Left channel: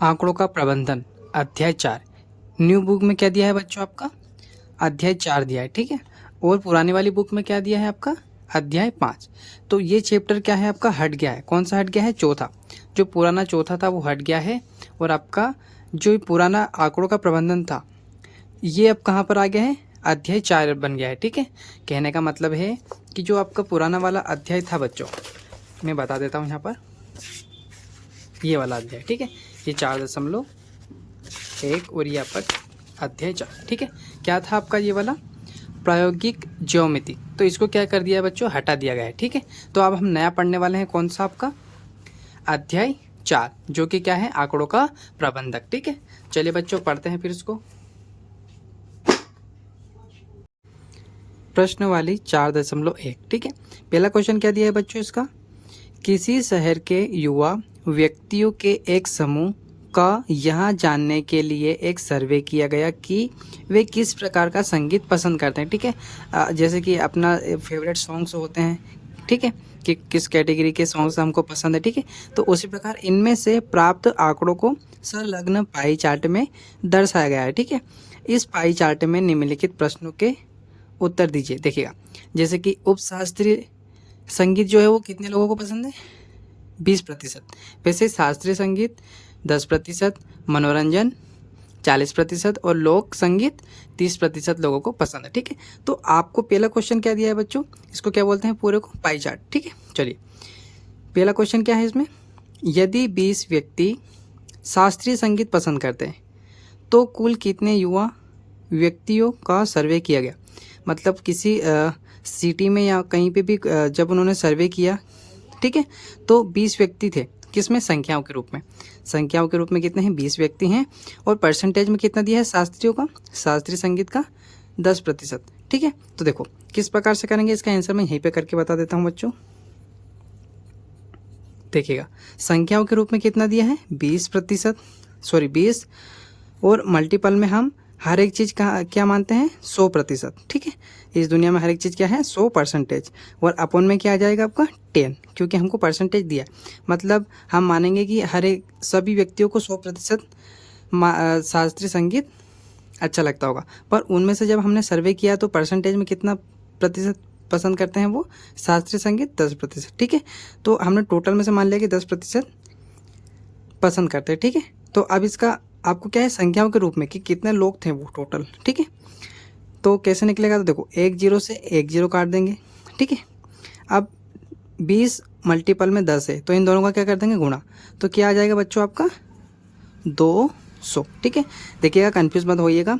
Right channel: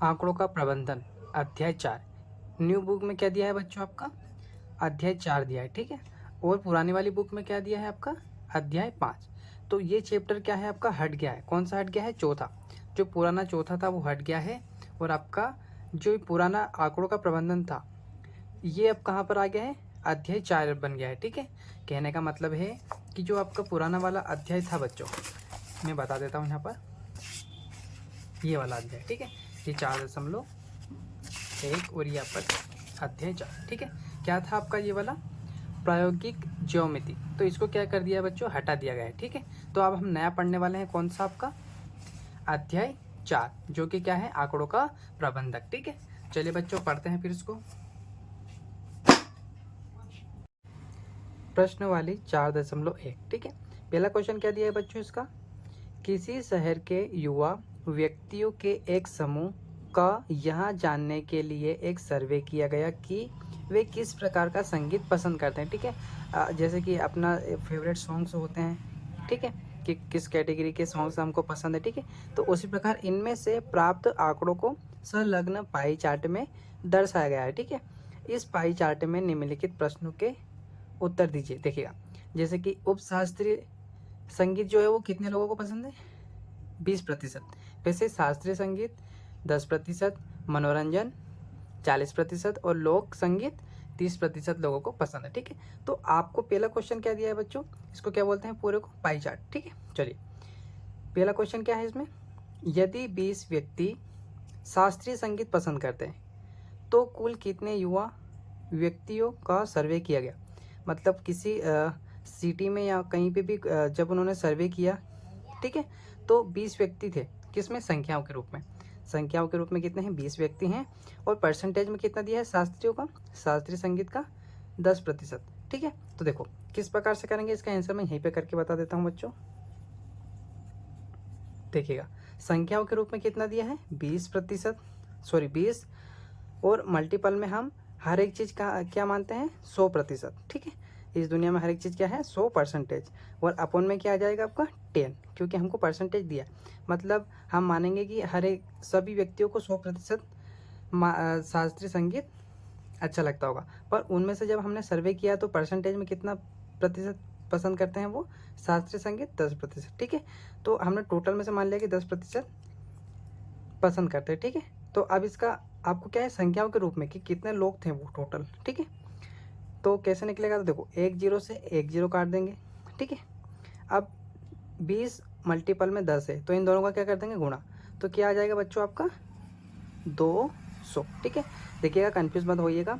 आंकड़ों का प्रबंधन अध्याय 4 न्यू बुक में क्या दिया है बच्चों आपका अध्याय 4 दिया है, ठीक है। और पुरानी वाली बुक में क्या दिया है आपका अध्याय 5। तो ये चैप्टर क्या है आपका हट गया है। कौन सा हट गया है? चौथा। जो पुराना चौथा था वो हट गया है और आपका जो पुराना आंकड़ों का प्रबंधन था ये अब कहाँ पर आ गया है? अध्याय 4 बन गया है, ठीक है। कहने का मतलब है कि जो आपका पुराना वाला अध्याय था बच्चों, मैं बता देता हूँ यहाँ पर, ये वाला अध्याय, ठीक है। ये 4.1 और ये आपका अध्याय 4, ठीक है। क्या था आपका ये वाला? प्रायोगिक ज्योमिति। तो इसको क्या कर दिया है बच्चों? हटा दिया गया है, ठीक है। तो अब हम नया पढ़ने वाले हैं। कौन सा आपका? अध्याय 4, जो कि क्या है? आंकड़ों का प्रबंधक, ठीक है। चलिए बच्चों पढ़ते हैं फिर इसको। प्रश्नवाली 4.1, ठीक है। पहला क्वेश्चन क्या दिया है बच्चों इसका? किसी शहर के युवा व्यक्तियों के एक समूह का यह जानने के लिए एक सर्वे किया गया कि वे किस प्रकार का संगीत पसंद करते हैं, ठीक है। जैसे कि अपना फेवरेट सॉन्ग्स होते हैं, ठीक है, कि किस कैटेगरी के सॉन्ग्स हमको पसंद है, ठीक है। तो उसी प्रकार इनमें से प्राप्त आंकड़ों को संलग्न पाई चार्ट में दर्शाया गया है, ठीक है। इस पाई चार्ट में निम्नलिखित प्रश्नों के उत्तर दीजिए। देखिएगा, जैसे कि उपशास्त्रीय संगीत जो है वो कितने लोगों को पसंद है? 20%। वैसे शास्त्रीय संगीत 10%, मनोरंजन 40% और लोक संगीत 30% लोगों को पसंद है, ठीक है। तो आपको पहला क्वेश्चन क्या दिया है बच्चों? इसको क्या बोलते हैं? पूरे को पाई चार्ट, ठीक है। चलिए पहला क्वेश्चन क्या है इसमें? यदि 20 व्यक्ति शास्त्रीय संगीत पसंद करते हैं तो कुल कितने युवा व्यक्तियों का सर्वे किया गया? मतलब किसी सिटी में या कहीं पे भी जब उन्होंने सर्वे किया, ठीक है, तो 20 व्यक्ति थे। किस में? संख्याओं के रूप में। संख्याओं के रूप में कितने हैं? 20 व्यक्ति हैं। और परसेंटेज में कितना दिया है शास्त्रियों का? शास्त्रीय संगीत का 10%, ठीक है। तो देखो किस प्रकार से करेंगे इसका आंसर मैं यहीं पे करके बता देता हूँ बच्चों। देखिएगा, संख्याओं के रूप में कितना दिया है? 20%, सॉरी 20, और मल्टीपल में हम हर एक चीज़ का क्या मानते हैं? 100%, ठीक है। इस दुनिया में हर एक चीज़ क्या है? 100%। और अपॉन में क्या आ जाएगा आपका? 10, क्योंकि हमको परसेंटेज दिया है। मतलब हम मानेंगे कि हर एक सभी व्यक्तियों को 100% शास्त्रीय संगीत अच्छा लगता होगा, पर उनमें से जब हमने सर्वे किया तो परसेंटेज में कितना प्रतिशत पसंद करते हैं वो? शास्त्रीय संगीत 10%, ठीक है। तो हमने टोटल में से मान लिया कि 10% पसंद करते हैं, ठीक है। तो अब इसका आपको क्या है? संख्याओं के रूप में कि कितने लोग थे वो टोटल, ठीक है। तो कैसे निकलेगा? तो देखो 1 0 से 1 0 काट देंगे, ठीक है। अब 20 मल्टीपल में 10 है तो इन दोनों का क्या कर देंगे? गुणा। तो क्या आ जाएगा बच्चों आपका? 200, ठीक है। देखिएगा, कन्फ्यूज मत होइएगा।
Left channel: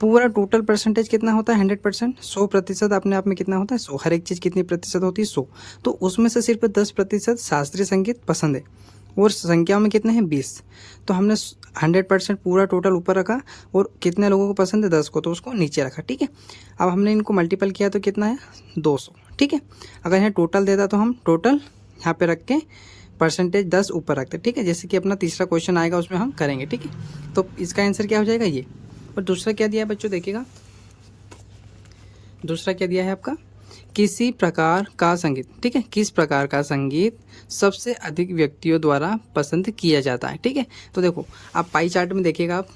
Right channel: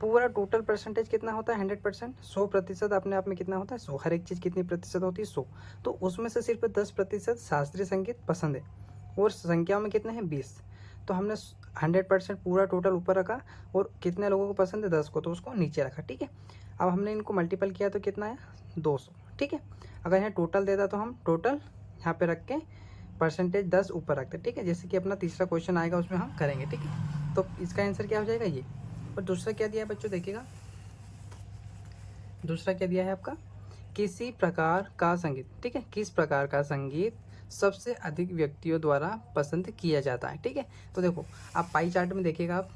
पूरा टोटल परसेंटेज कितना होता है? 100%। 100% अपने आप में कितना होता है? 100। हर एक चीज़ कितनी प्रतिशत होती है? 100। तो उसमें से सिर्फ 10% शास्त्रीय संगीत पसंद है और संख्याओं में कितने हैं? 20। तो हमने 100% पूरा टोटल ऊपर रखा और कितने लोगों को पसंद है? 10 को, तो उसको नीचे रखा, ठीक है। अब हमने इनको मल्टीपल किया तो कितना है? 200, ठीक है। अगर यहाँ टोटल देता तो हम टोटल यहाँ पे रख के परसेंटेज 10 ऊपर रखते, ठीक है। जैसे कि अपना तीसरा क्वेश्चन आएगा उसमें हम करेंगे, ठीक है। तो इसका आंसर क्या हो जाएगा? ये। और दूसरा क्या दिया है बच्चों? देखिएगा, दूसरा क्या दिया है आपका? किसी प्रकार का संगीत, ठीक है। किस प्रकार का संगीत सबसे अधिक व्यक्तियों द्वारा पसंद किया जाता है, ठीक है। तो देखो आप पाई चार्ट में देखिएगा, आप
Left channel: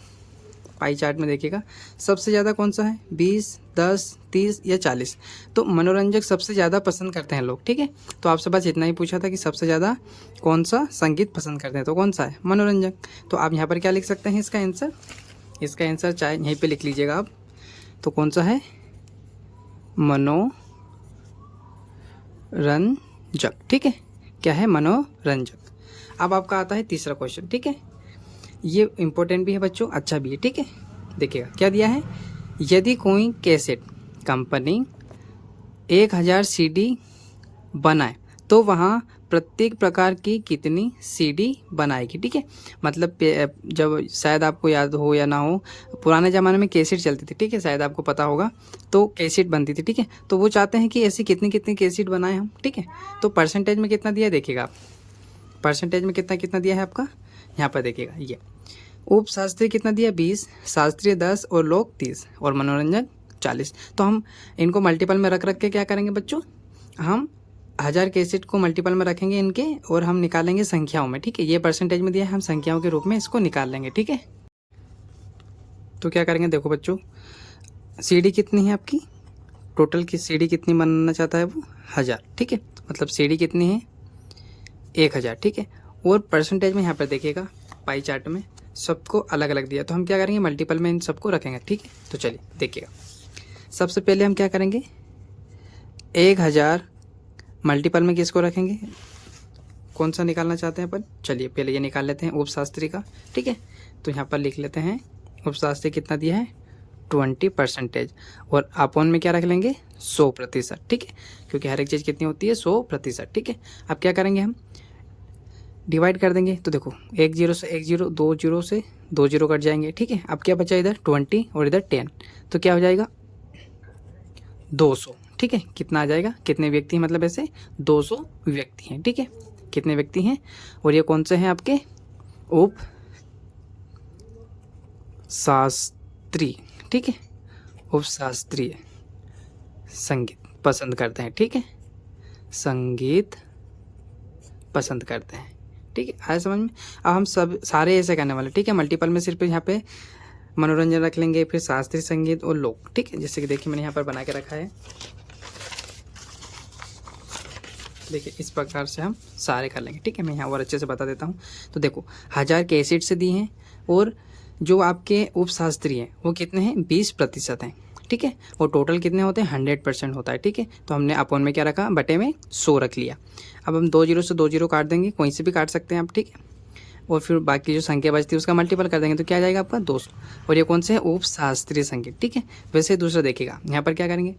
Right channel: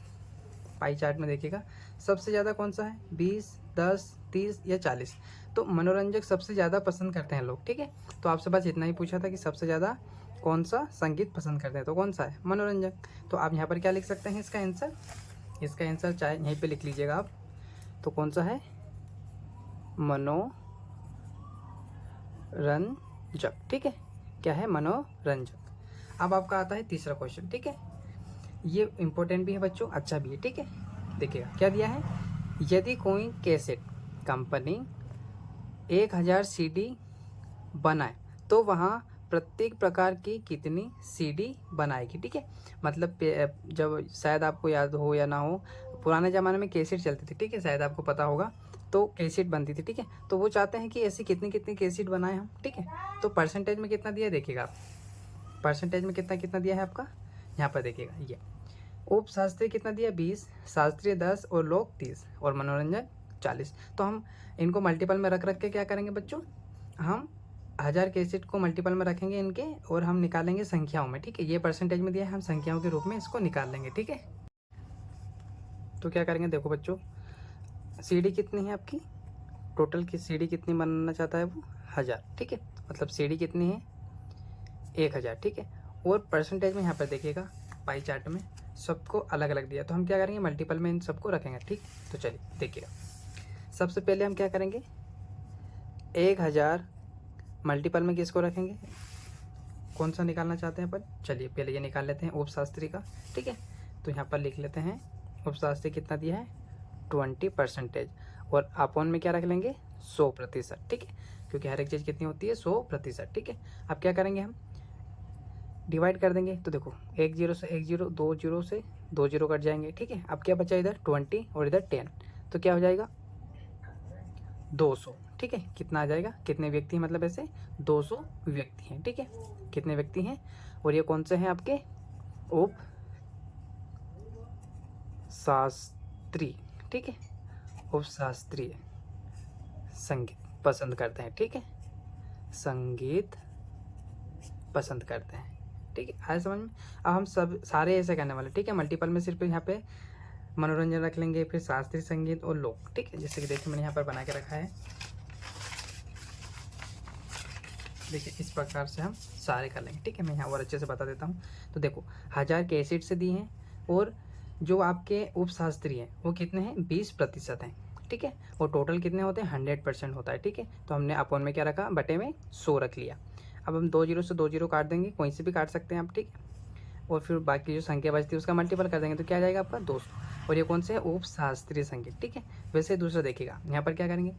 पाई चार्ट में देखिएगा सबसे ज़्यादा कौन सा है? 20, 10, 30 या 40। तो मनोरंजक सबसे ज़्यादा पसंद करते हैं लोग, ठीक है। तो आपसे बस इतना ही पूछा था कि सबसे ज़्यादा कौन सा संगीत पसंद करते हैं, तो कौन सा है? मनोरंजक। तो आप यहाँ पर क्या लिख सकते हैं इसका आंसर? इसका आंसर चाहे यहीं पे लिख लीजिएगा आप। तो कौन सा है? मनोरंजक, ठीक है। क्या है? मनोरंजक। अब आपका आता है तीसरा क्वेश्चन, ठीक है। ये इंपॉर्टेंट भी है बच्चों, अच्छा भी है, ठीक है। देखिएगा क्या दिया है? यदि कोई कैसेट कंपनी 1000 सीडी बनाए तो वहाँ प्रत्येक प्रकार की कितनी सीडी बनाएगी, ठीक है। मतलब जब शायद आपको याद हो या ना हो, पुराने ज़माने में कैसेट चलती थी, ठीक है, शायद आपको पता होगा। तो कैसेट बनती थी, ठीक है। तो वो चाहते हैं कि ऐसी कितनी कितनी कैसेट बनाएं हम, ठीक है। तो परसेंटेज में कितना दिया है देखिएगा आप। परसेंटेज में कितना कितना दिया है आपका? यहाँ पर देखिएगा, ये उप शास्त्रीय कितना दिया? 20, शास्त्रीय 10 और लोक 30 और मनोरंजन 40। तो हम इनको मल्टीपल में रख रख के क्या करेंगे बच्चों? हम 1000 के एसिड को मल्टीपल में रखेंगे इनके और हम निकालेंगे संख्याओं में, ठीक है। ये परसेंटेज में दिया है, हम संख्याओं के रूप में इसको निकाल लेंगे, ठीक है। तो क्या करेंगे, देखो बच्चों, सीडी कितनी है आपकी, टोटल की सीडी कितनी बनाना चाहता है वो 1000, ठीक है। मतलब सीडी कितनी है 1000, ठीक है। और परसेंटेज में यहाँ पर देखिएगा पाई चार्ट में सबको अलग अलग दिया, तो हम क्या करेंगे मल्टीपल में इन सबको रखेंगे, ठीक है। तो चलिए देखिएगा, सबसे पहले हम क्या करेंगे 1000 मल्टीपल में किसको रखेंगे, कौन सा निकालना चाहते हैं अपन, चलिए पहले ये निकाल लेते हैं उपशास्त्री का, ठीक है। तो यहाँ पर लिख लेते हैं उपशास्त्री कितना दिया है 20% और अपॉन में क्या रख लेंगे 100%, ठीक है, क्योंकि हर एक चीज़ कितनी होती है 100%, ठीक है। अब क्या करेंगे हम डिवाइड कर देंगे, तो देखो 1 0 से 1 0, 2 0 से 2 0 कट जाएंगे, ठीक है। अब क्या बचा इधर 20 और इधर 10, तो क्या हो जाएगा 200, ठीक है। कितना आ जाएगा, कितने व्यक्ति हैं, मतलब ऐसे 200 व्यक्ति हैं, ठीक है। कितने व्यक्ति हैं, और ये कौन से हैं आपके उप शास्त्री, ठीक है, उपशास्त्रीय संगीत पसंद करते हैं, ठीक है, संगीत पसंद करते हैं, ठीक है। आया समझ में। अब हम सब सारे ऐसे करने वाले, ठीक है। मल्टीपल में सिर्फ यहाँ पे मनोरंजन रख लेंगे, फिर शास्त्रीय संगीत और लोक, ठीक है। जैसे कि देखिए मैंने यहाँ पर बना के रखा है, देखिए इस प्रकार से हम सारे कर लेंगे, ठीक है। मैं यहाँ और अच्छे से बता देता हूँ। तो देखो 1000 के एसिड से दिए हैं और जो आपके उपशास्त्री हैं वो कितने हैं 20% हैं, ठीक है। और टोटल कितने होते हैं 100% होता है, ठीक है। तो हमने अपॉन में क्या रखा, बटे में 100 रख लिया। अब हम 2 0 से 2 0 काट देंगे, कोई से भी काट सकते हैं आप, ठीक है। और फिर बाकी जो संख्या बचती है उसका मल्टीपल कर देंगे, तो क्या आ जाएगा आपका 200। और ये कौन से है उपशास्त्रीय संगीत, ठीक है। वैसे दूसरा देखिएगा, यहाँ पर क्या करेंगे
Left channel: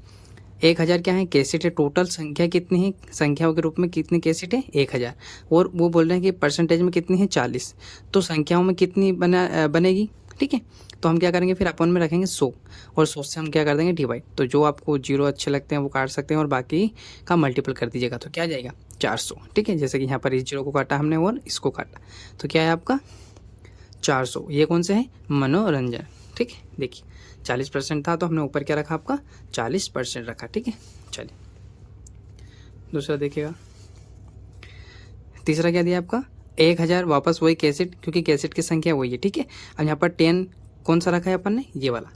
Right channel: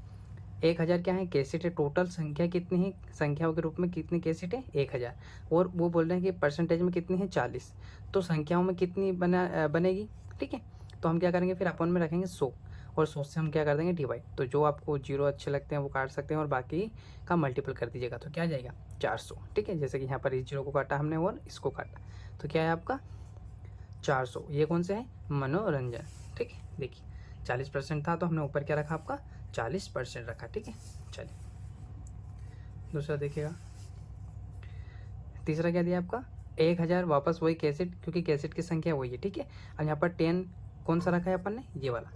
1000 क्या है कैसेट है, टोटल संख्या कितनी है, संख्याओं के रूप में कितनी कैसेट है 1000, और वो बोल रहे हैं कि परसेंटेज में कितनी है 40, तो संख्याओं में कितनी बनेगी, ठीक है। तो हम क्या करेंगे फिर अपन में रखेंगे 100 और 100 से हम क्या कर देंगे डिवाइड, तो जो आपको जीरो अच्छे लगते हैं वो काट सकते हैं और बाकी का मल्टीपल कर दीजिएगा, तो क्या आ जाएगा 400, ठीक है। जैसे कि यहाँ पर इस जीरो को काटा हमने और इसको काटा, तो क्या है आपका 400। ये कौन से है मनोरंजन, ठीक है। देखिए 40% था तो हमने ऊपर क्या रखा आपका 40% रखा, ठीक है। चलिए दूसरा देखिएगा, तीसरा क्या दिया आपका 1000, वापस वही कैसेट, क्योंकि कैसेट की संख्या वही है, ठीक है। अब यहाँ पर 10 कौन सा रखा है अपन ने, ये वाला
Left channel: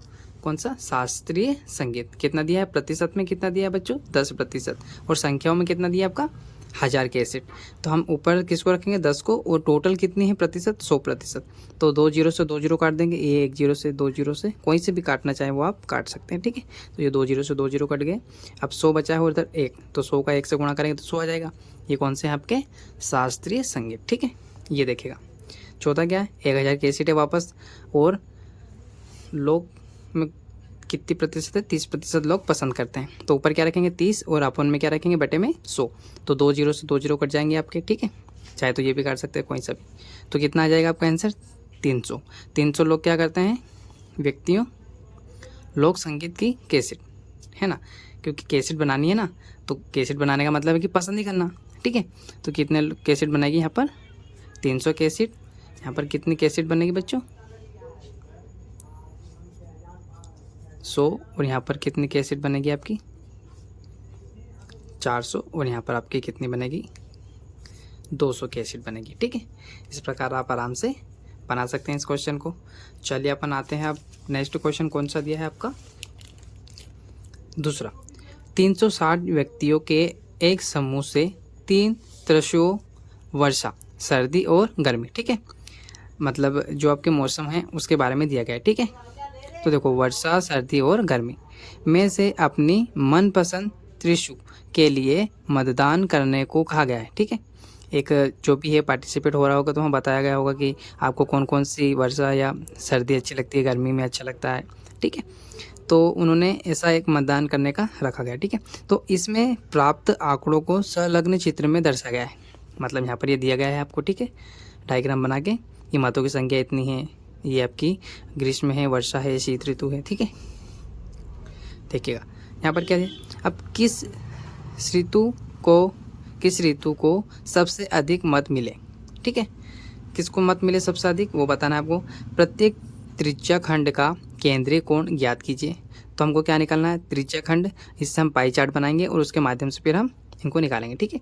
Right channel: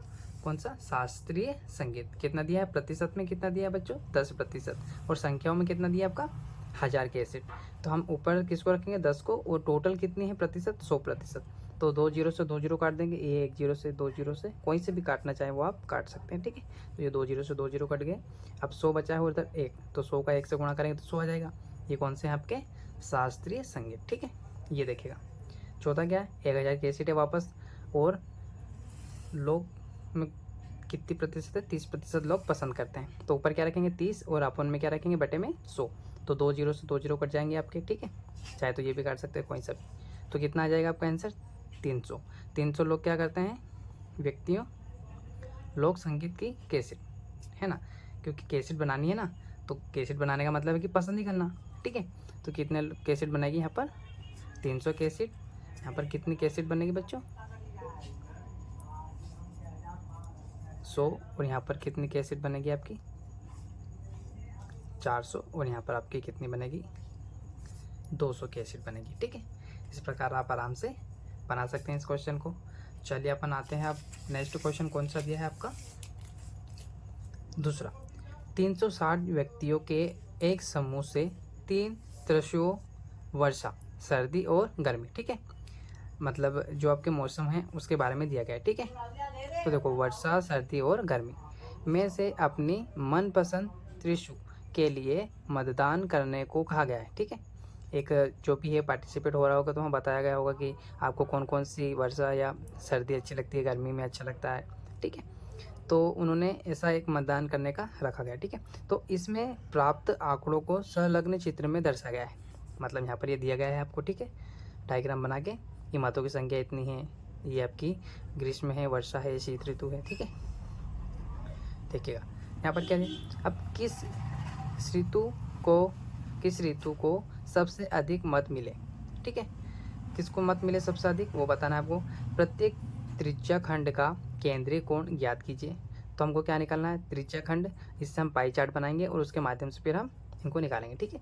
कौन सा शास्त्रीय संगीत, कितना दिया है प्रतिशत में, कितना दिया है बच्चों 10%, और संख्याओं में कितना दिया आपका 1000 के एसिड। तो हम ऊपर किसको रखेंगे 10 को, और टोटल कितनी है प्रतिशत 100%, तो 2 0 से 2 0 काट देंगे, ये 1 0 से 2 0 से कोई से भी काटना चाहे वो आप काट सकते हैं, ठीक है। तो ये 2 0 से 2 0 कट गए, अब 100 बचा है और इधर 1, तो 100 का 1 से गुणा करेंगे तो 100 आ जाएगा। ये कौन से हैं आपके शास्त्रीय संगीत, ठीक है। ये देखिएगा चौथा क्या है 1000 के एसिड है वापस, और लोग में कितनी प्रतिशत है 30% लोग पसंद करते हैं, तो ऊपर क्या रखेंगे 30 और अपन में क्या रखेंगे बटे में 100, तो 2 0 से 2 0 कट जाएंगे आपके, ठीक है। चाहे तो ये भी काट सकते हैं कोई सा भी, तो कितना आ जाएगा आपका आंसर 300। 300 लोग क्या करते हैं व्यक्तियों लोक संगीत की कैसेट, है ना, क्योंकि कैसेट बनानी है ना, तो कैसेट बनाने का मतलब है कि पसंद ही करना, ठीक है। तो कितने कैसेट बनेगी यहाँ पर 300 कैसेट, यहाँ पर कितनी कैसेट बनेगी बच्चों 100, और यहाँ पर कितनी कैसेट बनेगी आपकी 400, और यहाँ पर आपकी कितनी बनेगी 200 कैसेट बनेगी, ठीक है। इस प्रकार आप आराम से बना सकते हैं इस क्वेश्चन को। चलिए अपन आते हैं अब नेक्स्ट क्वेश्चन कौन सा दिया है आपका दूसरा, 360 व्यक्तियों के एक समूह से 3 ऋतुओं वर्षा सर्दी और गर्मी, ठीक है, मतलब जो आपके मौसम हैं उसके बारे में दिया गया है, ठीक है। तो देखो वर्षा सर्दी और गर्मी में से अपनी मनपसंद ऋतु के लिए मतदान करने को कहा गया है, ठीक है। एक जो भी है पार्टिसिपेट हो रहा होगा तो वहाँ बताया गया होगा कि आपको कौन कौन सी वर्षा या सर्दी अच्छी लगती है, गर्मी में अच्छा लगता है, ठीक है। तो उन्होंने ऐसा एक मतदान करने का रखा गया, ठीक है। तो इसमें प्राप्त आंकड़ों को संलग्न चित्र में दर्शाया गया है, मतलब यहाँ पर ये दिया गया है आपको, ठीक है, डायग्राम बना के, ये मतों की संख्या इतनी है, ये आपकी ग्रीष्म है, वर्षा है, शीत ऋतु है, ठीक है। देखिएगा यहाँ पर क्या है, अब किस ऋतु को सबसे अधिक मत मिले, ठीक है, किसको मत मिले सबसे अधिक वो बताना है आपको। प्रत्येक त्रिज्या खंड का केंद्रीय कोण ज्ञात कीजिए, तो हमको क्या निकालना है त्रिज्या खंड, इससे हम पाई चार्ट बनाएंगे और उसके माध्यम से फिर हम इनको निकालेंगे, ठीक है।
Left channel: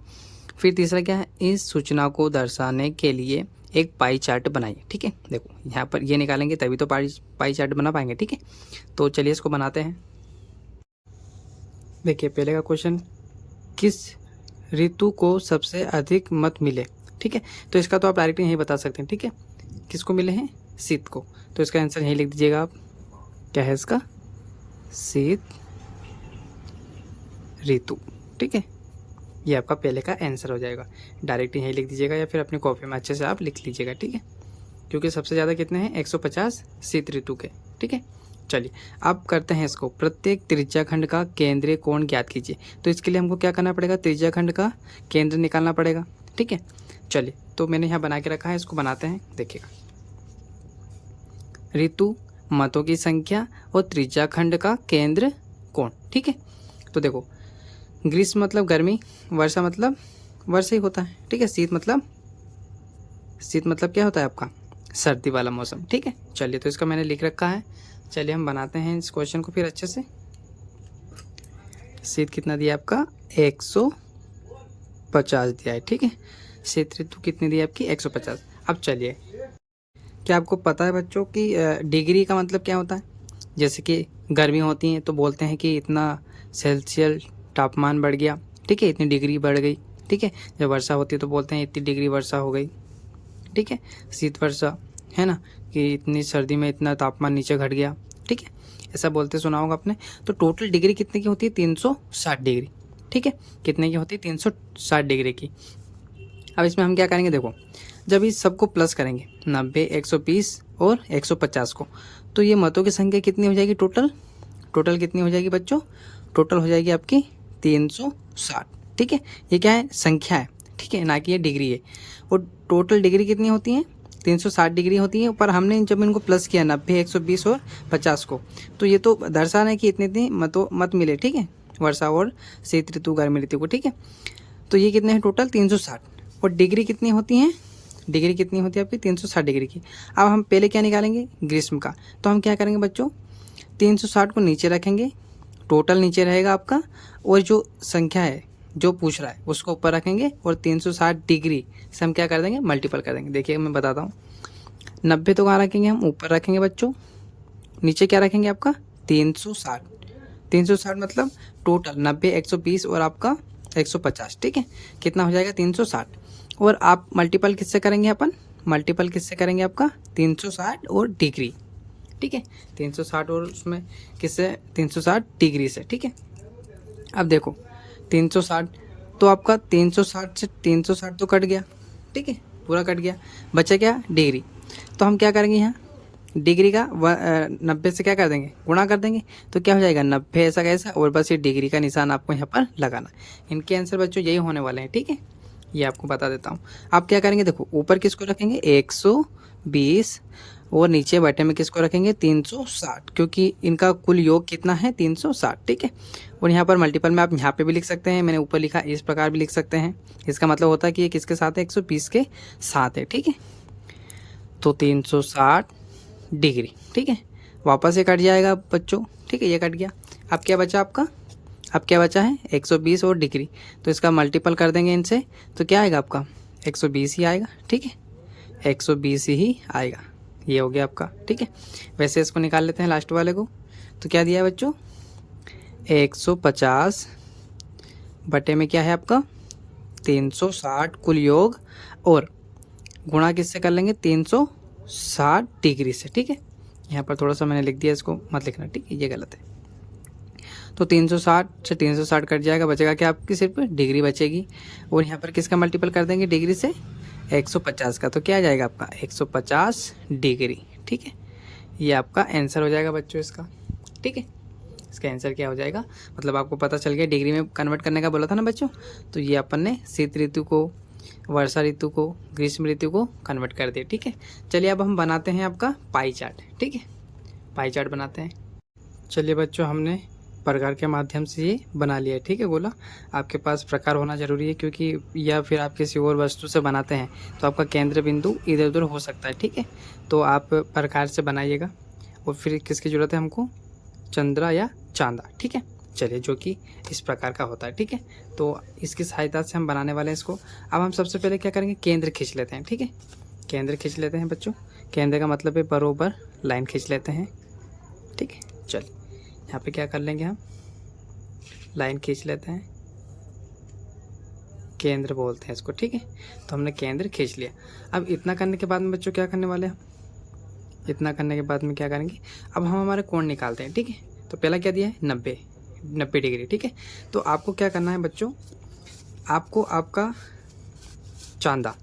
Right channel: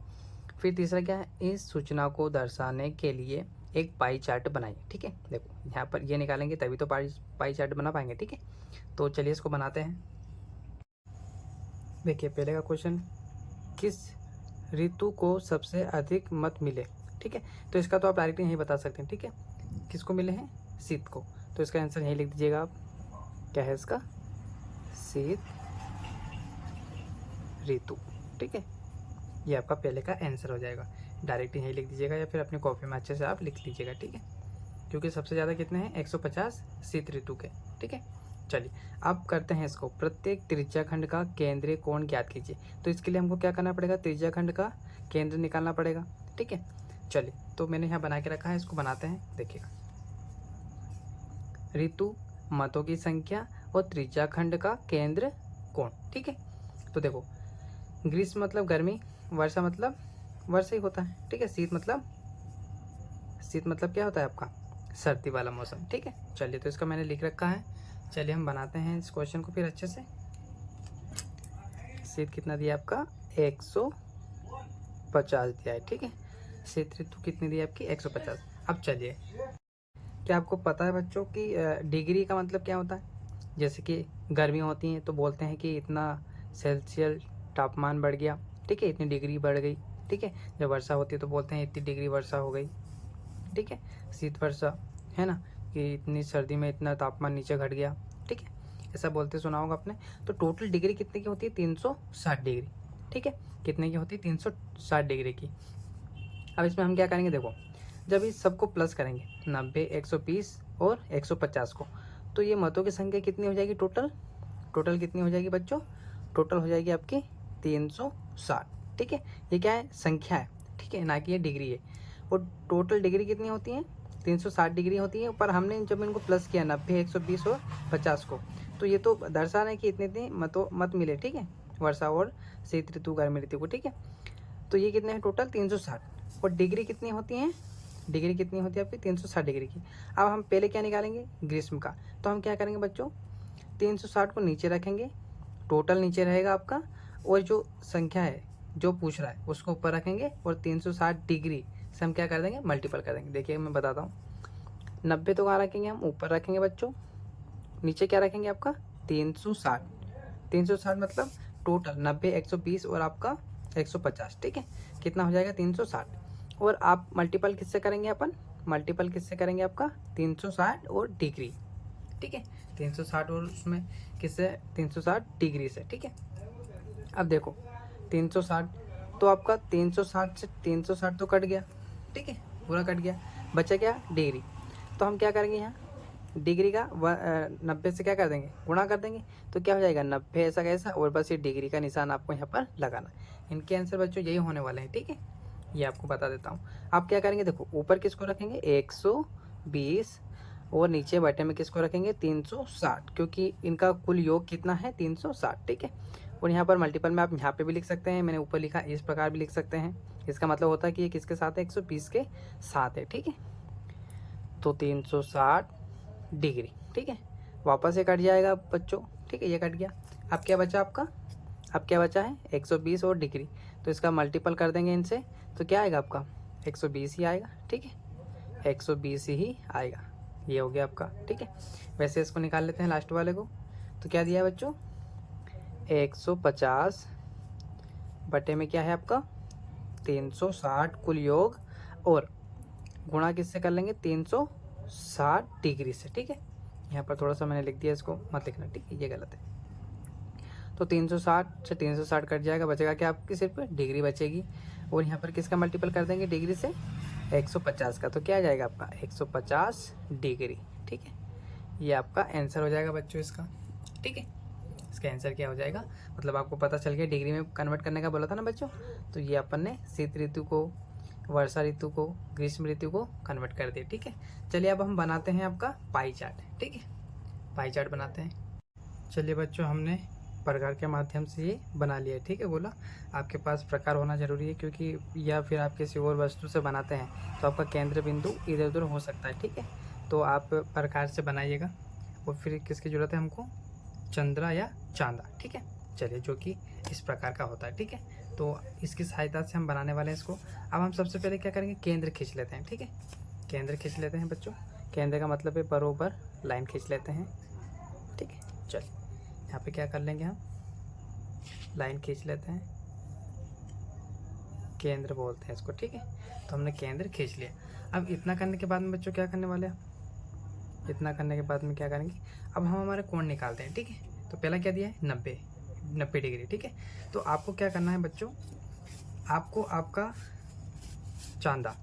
फिर तीसरा क्या है, इस सूचना को दर्शाने के लिए एक पाई चार्ट बनाइए, ठीक है। देखो यहाँ पर ये निकालेंगे तभी तो पाई चार्ट बना पाएंगे, ठीक है। तो चलिए इसको बनाते हैं। देखिए पहले का क्वेश्चन, किस ऋतु को सबसे अधिक मत मिले, ठीक है। तो इसका तो आप डायरेक्ट यही बता सकते हैं, ठीक है। किसको मिले हैं, शीत को। तो इसका आंसर यही लिख दीजिएगा आप, क्या है इसका, शीत ऋतु, ठीक है। ये आपका पहले का आंसर हो जाएगा। डायरेक्ट यही लिख दीजिएगा या फिर अपनी कॉपी में अच्छे से आप लिख लीजिएगा, ठीक है। क्योंकि सबसे ज़्यादा कितने हैं, 150 शीत ऋतु के, ठीक है। चलिए अब करते हैं इसको, प्रत्येक त्रिज्याखंड का केंद्रीय कोण ज्ञात कीजिए। तो इसके लिए हमको क्या करना पड़ेगा, त्रिज्याखंड का केंद्र निकालना पड़ेगा, ठीक है। चलिए तो मैंने यहाँ बना के रखा है, इसको बनाते हैं। देखिएगा, ऋतु, मतों की संख्या और त्रिज्याखंड का केंद्र कोण, ठीक है। तो देखो, ग्रीष्म मतलब गर्मी, वर्षा मतलब वर्षा ही होता है, ठीक है। शीत मतलब क्या होता है आपका, सर्दी वाला मौसम, ठीक है। चलिए तो इसका मैंने लिख रखा है। चलिए हम बनाते हैं इस क्वेश्चन को फिर अच्छे से। शीत कितना दिया आपका, 150 दिया है, ठीक है। शीत ऋतु कितनी दी है आपकी, 150। अब चलिए, क्या आपको पता है बच्चों कि डिग्री का मतलब क्या होता है। जैसे कि गर्मी होती है तो बोलते हैं कि इतना सेल्सियस तापमान बढ़ गया, ठीक है, इतनी डिग्री बढ़ गई, ठीक है। जब वर्षा होती है तो बोलते हैं इतनी डिग्री वर्षा हो गई, ठीक है। शीत वर्षा है ना, कि इतनी सर्दी में इतना तापमान नीचे घट गया, ठीक है। ऐसा बोलते सुना होगा आपने। तो टोटल डिग्री कितने की होती है, 360 डिग्री, ठीक है। कितने की होती है, 360 डिग्री की। अब इसमें हम क्या करेंगे, देखो जब इस सबको प्लस करेंगे 90, 120 और 150 को, तो ये मतों की संख्या कितनी हो जाएगी, टोटल कितनी हो जाएगी बच्चों, टोटल हो जाएगी आपकी 360, ठीक है। ये क्या है, संख्या है, ठीक है, ना कि ये डिग्री है। और टोटल डिग्री कितनी होती है, 360 डिग्री होती है। पर हमने जब इनको प्लस किया 90, 120 और 50 को, तो ये तो दर्शाना है कि इतनी मत मिले, ठीक है, वर्षा और शीत ऋतु, गर्मी ऋतु को, ठीक है। तो ये कितने हैं, टोटल 360। और डिग्री कितनी होती है, डिग्री कितनी होती है आपकी, 360 डिग्री की। अब हम पहले क्या निकालेंगे, ग्रीष्म का। तो हम क्या करेंगे बच्चों, 360 को नीचे रखेंगे, टोटल नीचे रहेगा आपका, और जो संख्या है जो पूछ रहा है उसको ऊपर रखेंगे, और 360 डिग्री से हम क्या कर देंगे, मल्टीपल कर देंगे। देखिए मैं बताता हूँ, 90 तो कहाँ रखेंगे, हम ऊपर रखेंगे बच्चों, नीचे क्या रखेंगे आपका 360। 360 मतलब टोटल 90, 120 और आपका 150, ठीक है। कितना हो जाएगा, 360। और आप मल्टीपल किससे करेंगे, अपन मल्टीपल किससे करेंगे आपका, 360 और डिग्री, ठीक है। 360 और उसमें किससे, 360 डिग्री से, ठीक है। अब देखो 360, तो आपका 360 से 360 तो कट गया, ठीक है, पूरा कट गया, बचा क्या, डिग्री। तो हम क्या करेंगे, यहाँ डिग्री का 90 से क्या कर देंगे, गुणा कर देंगे। तो क्या हो जाएगा, 90 ऐसा कैसा, और बस ये डिग्री का निशान आपको यहाँ पर लगाना। इनके आंसर बच्चों यही होने वाले हैं, ठीक है। ये आपको बता देता हूँ। आप क्या करेंगे, देखो ऊपर किसको रखेंगे, 120, और नीचे बटे में किसको रखेंगे, 360, क्योंकि इनका कुल योग कितना है, 360, ठीक है। और यहाँ पर मल्टीपल में आप यहाँ पे भी लिख सकते हैं, मैंने ऊपर लिखा इस प्रकार भी लिख सकते हैं। इसका मतलब होता है कि ये किसके साथ है, 120 के साथ है, ठीक है। तो 360 डिग्री, ठीक है। वापस ये कट जाएगा बच्चों, ठीक है, ये कट गया। अब क्या बचा आपका, अब क्या बचा है, 120 और डिग्री। तो इसका मल्टीपल कर देंगे इनसे, तो क्या आएगा आपका, 120 ही आएगा, ठीक है, 120 ही आएगा। ये हो गया आपका, ठीक है। वैसे इसको निकाल लेते हैं लास्ट वाले को। तो क्या दिया है बच्चों, 150 बटे में क्या है आपका, 360 कुल योग, और गुणा किससे कर लेंगे, 360 डिग्री से, ठीक है। यहाँ पर थोड़ा सा मैंने लिख दिया, इसको मत लिखना, ठीक है, ये गलत है। तो 360 से 360 कट जाएगा, बचेगा क्या आपकी, सिर्फ डिग्री बचेगी। और यहाँ पर किसका मल्टीपल कर देंगे, डिग्री से 150 का। तो क्या आ जाएगा आपका, 150 डिग्री, ठीक है। ये आपका आंसर हो जाएगा बच्चों इसका, ठीक है। इसका आंसर क्या हो जाएगा, मतलब आपको पता चल गया, डिग्री में कन्वर्ट करने का बोला था ना बच्चों। तो ये अपन ने शीत ऋतु को, वर्षा ऋतु को, ग्रीष्म ऋतु को कन्वर्ट कर दिया, ठीक है। चलिए अब हम बनाते हैं आपका पाई चार्ट, ठीक है, पाई चार्ट बनाते हैं। चलिए बच्चों, हमने प्रकार के माध्यम से ये बना लिया है, ठीक है। बोला आपके पास प्रकार होना जरूरी है, क्योंकि या फिर आप किसी और वस्तु से बनाते हैं तो आपका केंद्र बिंदु इधर उधर हो सकता है, ठीक है। तो आप प्रकार से बनाइएगा। और फिर किसकी ज़रूरत है हमको, चंद्रा या चांदा, ठीक है। चलिए, जो कि इस प्रकार का होता है। ठीक है, तो इसकी सहायता से हम बनाने वाले हैं इसको। अब हम सबसे पहले क्या करेंगे, केंद्र खींच लेते हैं। ठीक है, केंद्र खींच लेते हैं बच्चों। केंद्र का मतलब है बरोबर लाइन खींच लेते हैं। ठीक है, चलिए यहाँ पे क्या कर लेंगे, हम लाइन खींच लेते हैं, केंद्र बोलते हैं इसको। ठीक है, तो हमने केंद्र खींच लिया। अब इतना करने के बाद में बच्चों क्या करने वाले हैं, इतना करने के बाद में क्या करेंगे, अब हम हमारे कोण निकालते हैं। ठीक है, तो पहला क्या दिया है, 90 डिग्री। ठीक है, तो आपको क्या करना है बच्चों, आपको आपका चांदा,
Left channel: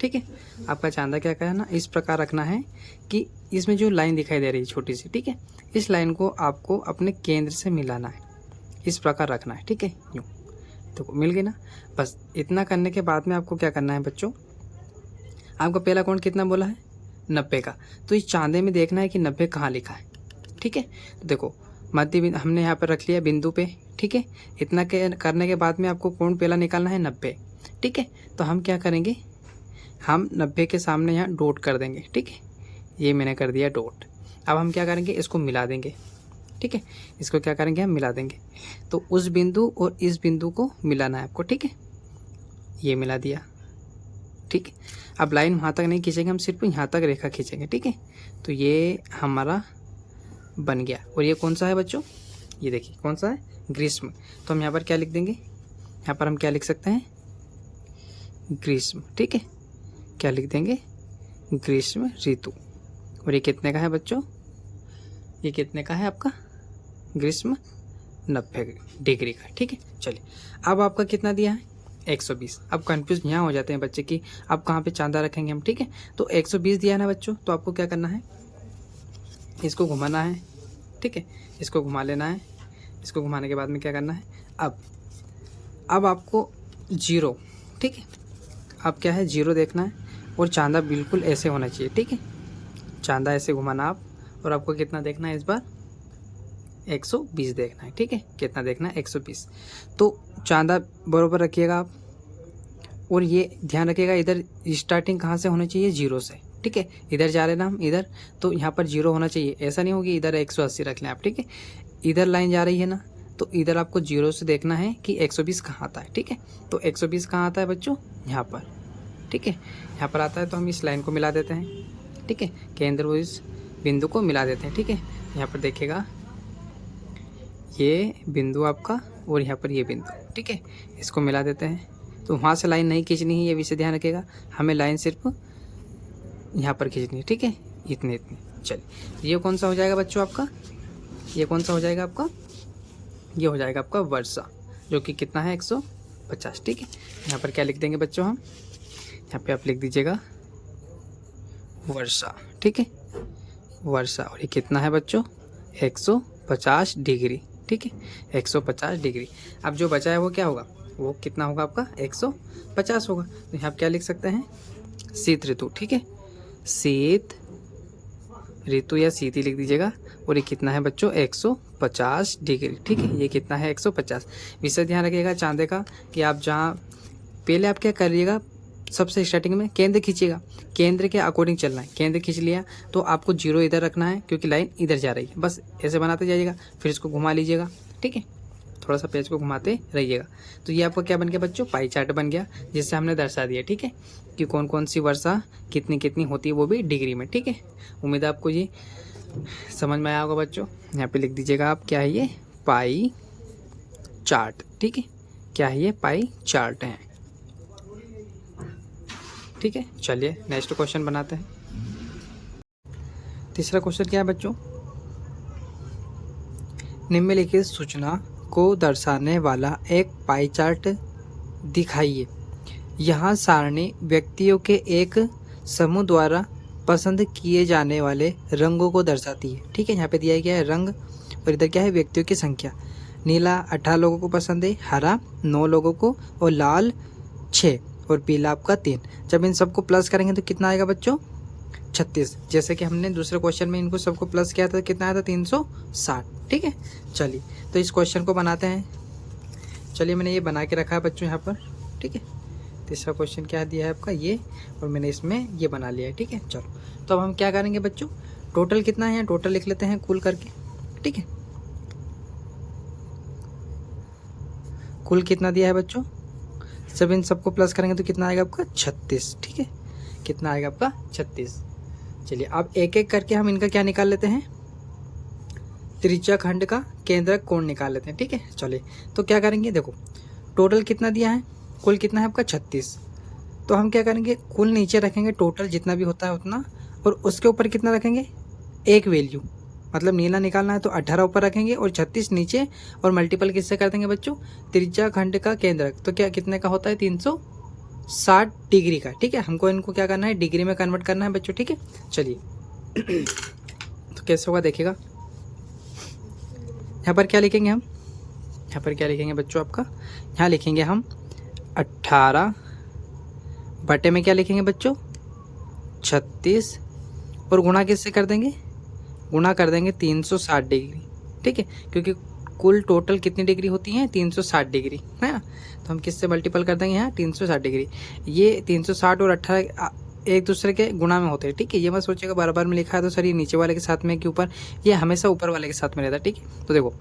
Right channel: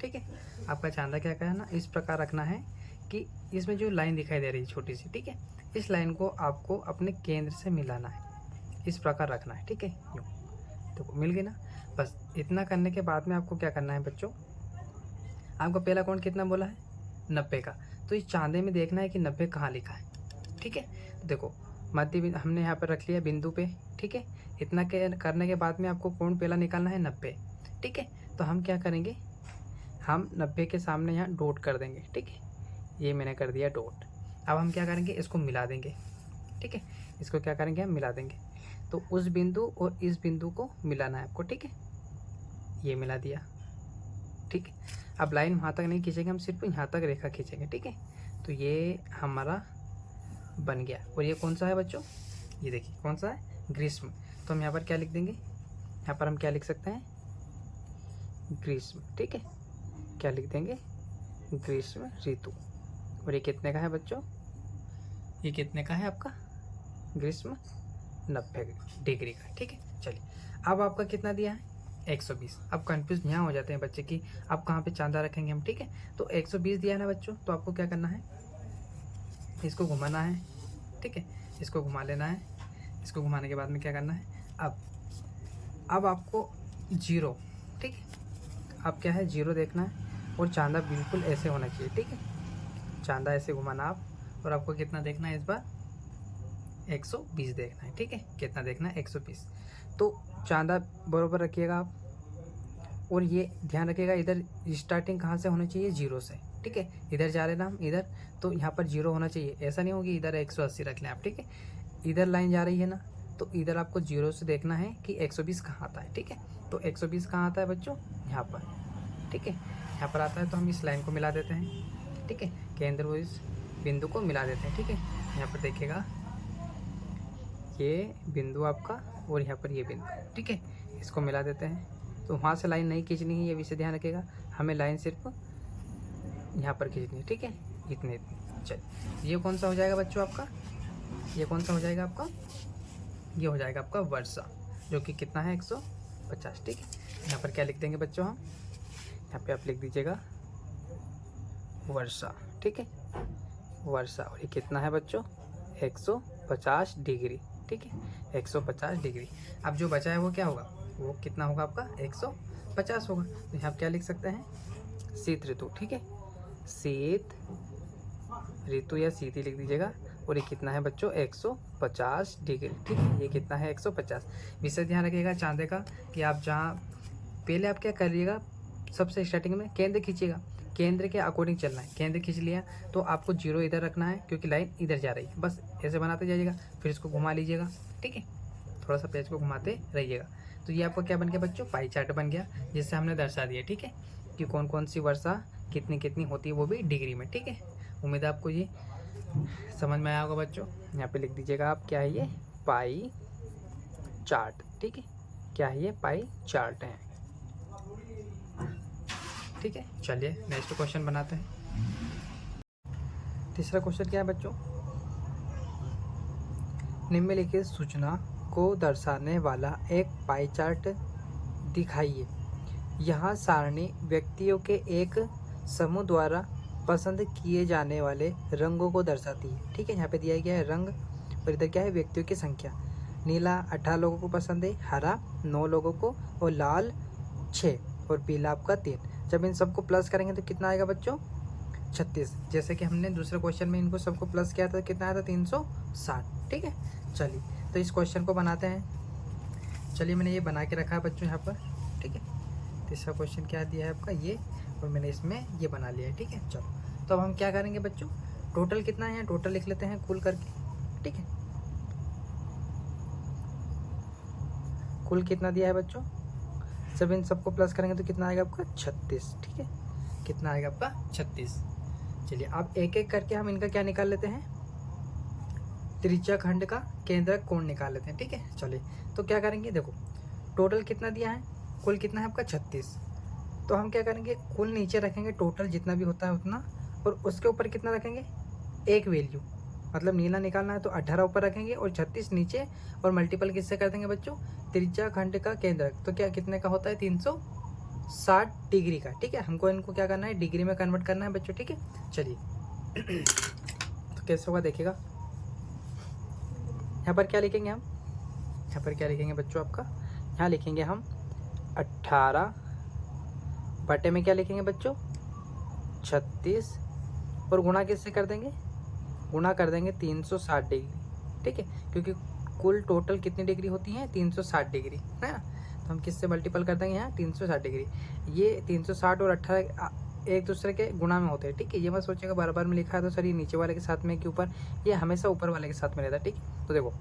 ठीक है, आपका चांदा क्या करना, इस प्रकार रखना है कि इसमें जो लाइन दिखाई दे रही है छोटी सी, ठीक है, इस लाइन को आपको अपने केंद्र से मिलाना है, इस प्रकार रखना है। ठीक है, यूँ तो मिल गई ना। बस इतना करने के बाद में आपको क्या करना है बच्चों, आपका पहला कोण कितना बोला है, 90 का। तो इस चांदे में देखना है कि 90 कहाँ लिखा है। ठीक है, तो देखो मध्य बिंदु हमने यहाँ पर रख लिया बिंदु पे। ठीक है, इतना करने के बाद में आपको कोण पहला निकालना है 90। ठीक है, तो हम क्या करेंगे, हम 90 के सामने यहाँ डॉट कर देंगे। ठीक है, ये मैंने कर दिया डॉट। अब हम क्या करेंगे, इसको मिला देंगे। ठीक है, इसको क्या करेंगे, हम मिला देंगे। तो उस बिंदु और इस बिंदु को मिलाना है आपको। ठीक है, ये मिला दिया। ठीक है, अब लाइन वहाँ तक नहीं खींचेंगे, हम सिर्फ यहाँ तक रेखा खींचेंगे। ठीक है, तो ये हमारा बन गया। और ये कौन सा है बच्चों, ये देखिए कौन सा है, ग्रीष्म। तो हम यहाँ पर क्या लिख देंगे, यहाँ पर हम क्या लिख सकते हैं, ग्रीष्म। ठीक है, क्या लिख देंगे, ग्रीष्म ऋतु। और ये कितने का है बच्चों, ये कितने का है आपका, ग्रीष्म 90 डिग्री का। ठीक है, चलिए अब आपका कितना दिया है, 120। अब कंफ्यूज यहाँ हो जाते हैं बच्चे कि अब कहाँ पे चांदा रखेंगे हम। ठीक है, तो 120 दिया है ना बच्चों, तो आपको क्या करना है, इसको घुमाना है। ठीक है, इसको घुमा लेना है। इसको घुमाने के बाद में क्या करना है, अब आपको 0, ठीक है, अब क्या है, 0 देखना है और चांदा बिल्कुल ऐसे होना चाहिए। ठीक है, चांदा ऐसे घुमाना आप, और आपको कितना देखना है इस बार, 120 देखना है। ठीक है, कितना देखना है, 120। तो चांदा बराबर रखिएगा आप, और ये ध्यान रखिएगा इधर स्टार्टिंग कहाँ से होनी चाहिए, 0 से। ठीक है, इधर जा रहे ना हम इधर, तो यहाँ पर 0 होना चाहिए। ऐसा नहीं होगी इधर 180 रख लें आप। ठीक है, इधर लाइन जा रही है ना, तो इधर आपको 0 से देखना है कि 120 कहाँ आता है। ठीक है, तो 120 कहाँ आता है बच्चों, यहाँ पर। ठीक है, यहाँ पर आता है, तो हम इस लाइन को मिला देते हैं। ठीक है, केंद्र और इस बिंदु को मिला देते हैं। ठीक है, यहाँ पर देखिएगा ये बिंदु आपका और यहाँ पर ये बिंदु। ठीक है, इसको मिला देते हैं। तो वहाँ से लाइन नहीं खींचनी है, ये विषय ध्यान रखिएगा, हमें लाइन सिर्फ यहाँ पर खींचनी है। ठीक है, इतने। चलिए ये कौन सा हो जाएगा बच्चों आपका, ये कौन सा हो जाएगा आपका, ये हो जाएगा आपका वर्षा, जो कि कितना है, 150। ठीक है, यहाँ पर क्या लिख देंगे बच्चों हम, यहाँ पे आप लिख दीजिएगा वर्षा। ठीक है, वर्षा। और ये कितना है बच्चों, 150 डिग्री। ठीक है, 150 डिग्री। अब जो बचा है वो क्या होगा, वो कितना होगा आपका, 150 होगा। तो यहाँ क्या लिख सकते हैं, शीत ऋतु। ठीक है, शीत ऋतु या शीत ही लिख दीजिएगा। और ये कितना है बच्चों, 150 डिग्री। ठीक है, ये कितना है, 150। विषय ध्यान रखिएगा चांदे का कि आप जहाँ पहले आप क्या करिएगा, सबसे स्टार्टिंग में केंद्र खींचिएगा, केंद्र के अकॉर्डिंग चलना है। केंद्र खींच लिया तो आपको 0 इधर रखना है, क्योंकि लाइन इधर जा रही है। बस ऐसे बनाते जाइएगा, फिर इसको घुमा लीजिएगा। ठीक है, थोड़ा सा पेज को घुमाते रहिएगा। तो ये आपका क्या बन गया बच्चों, पाई चार्ट बन गया, जिससे हमने दर्शा दिया। ठीक है, कि कौन कौन सी वर्षा कितनी कितनी होती है, वो भी डिग्री में। ठीक है, उम्मीद है आपको ये समझ में आया होगा बच्चों। यहाँ पे लिख दीजिएगा आप, क्या है ये, पाई चार्ट। ठीक है, क्या है ये, पाई चार्ट है। ठीक है, चलिए नेक्स्ट क्वेश्चन बनाते हैं। तीसरा क्वेश्चन क्या है बच्चों, निम्नलिखित सूचना को दर्शाने वाला एक पाई चार्ट दिखाइए। यहाँ सारणी व्यक्तियों के एक समूह द्वारा पसंद किए जाने वाले रंगों को दर्शाती है। ठीक है, यहाँ पे दिया गया है रंग, और इधर क्या है, व्यक्तियों की संख्या। नीला 18 लोगों को पसंद है, हरा 9 लोगों को, और लाल 6, और पीला आपका 3। जब इन सबको प्लस करेंगे तो कितना आएगा बच्चों, 36। जैसे कि हमने दूसरे क्वेश्चन में इनको सबको प्लस किया था, कितना आया था, 360। ठीक है, चलिए तो इस क्वेश्चन को बनाते हैं। चलिए मैंने ये बना के रखा है बच्चों यहाँ पर। ठीक है, तीसरा क्वेश्चन क्या दिया है आपका, ये, और मैंने इसमें ये बना लिया है। ठीक है, चलो तो अब हम क्या करेंगे बच्चों, टोटल कितना है, टोटल लिख लेते हैं कुल करके। ठीक है, कुल कितना दिया है बच्चों, जब इन सबको प्लस करेंगे तो कितना आएगा आपका 36, ठीक है, कितना आएगा आपका 36। चलिए अब एक एक करके हम इनका क्या निकाल लेते हैं, त्रिज्या खंड का केंद्रक कोण निकाल लेते हैं, ठीक है। चलिए तो क्या करेंगे, देखो टोटल कितना दिया है, कुल कितना है आपका 36, तो हम क्या करेंगे, कुल नीचे रखेंगे टोटल जितना भी होता है उतना, और उसके ऊपर कितना रखेंगे, एक वैल्यू, मतलब नीला निकालना है तो 18 ऊपर रखेंगे और 36 नीचे, और मल्टीपल किससे कर देंगे बच्चों, त्रिज्या खंड का केंद्रक, तो क्या कितने का होता है 360 डिग्री का, ठीक है। हमको इनको क्या करना है, डिग्री में कन्वर्ट करना है बच्चों, ठीक है। चलिए तो कैसे होगा देखिएगा, यहाँ पर क्या लिखेंगे हम, यहाँ पर क्या लिखेंगे बच्चों आपका, यहाँ लिखेंगे हम 18 बटे में क्या लिखेंगे बच्चों 36, और गुणा किससे कर देंगे, गुणा कर देंगे 360 डिग्री, ठीक है, क्योंकि कुल टोटल कितनी डिग्री होती है 360 डिग्री, है ना। तो हम किससे मल्टीपल कर देंगे यहाँ 360 डिग्री, ये 360 और 18 एक दूसरे के गुणा में होते हैं, ठीक है। ये मत सोचिएगा बार बार में लिखा है तो सर ये नीचे वाले के साथ में कि ऊपर, ये हमेशा ऊपर वाले के साथ में रहता है, ठीक है। तो देखो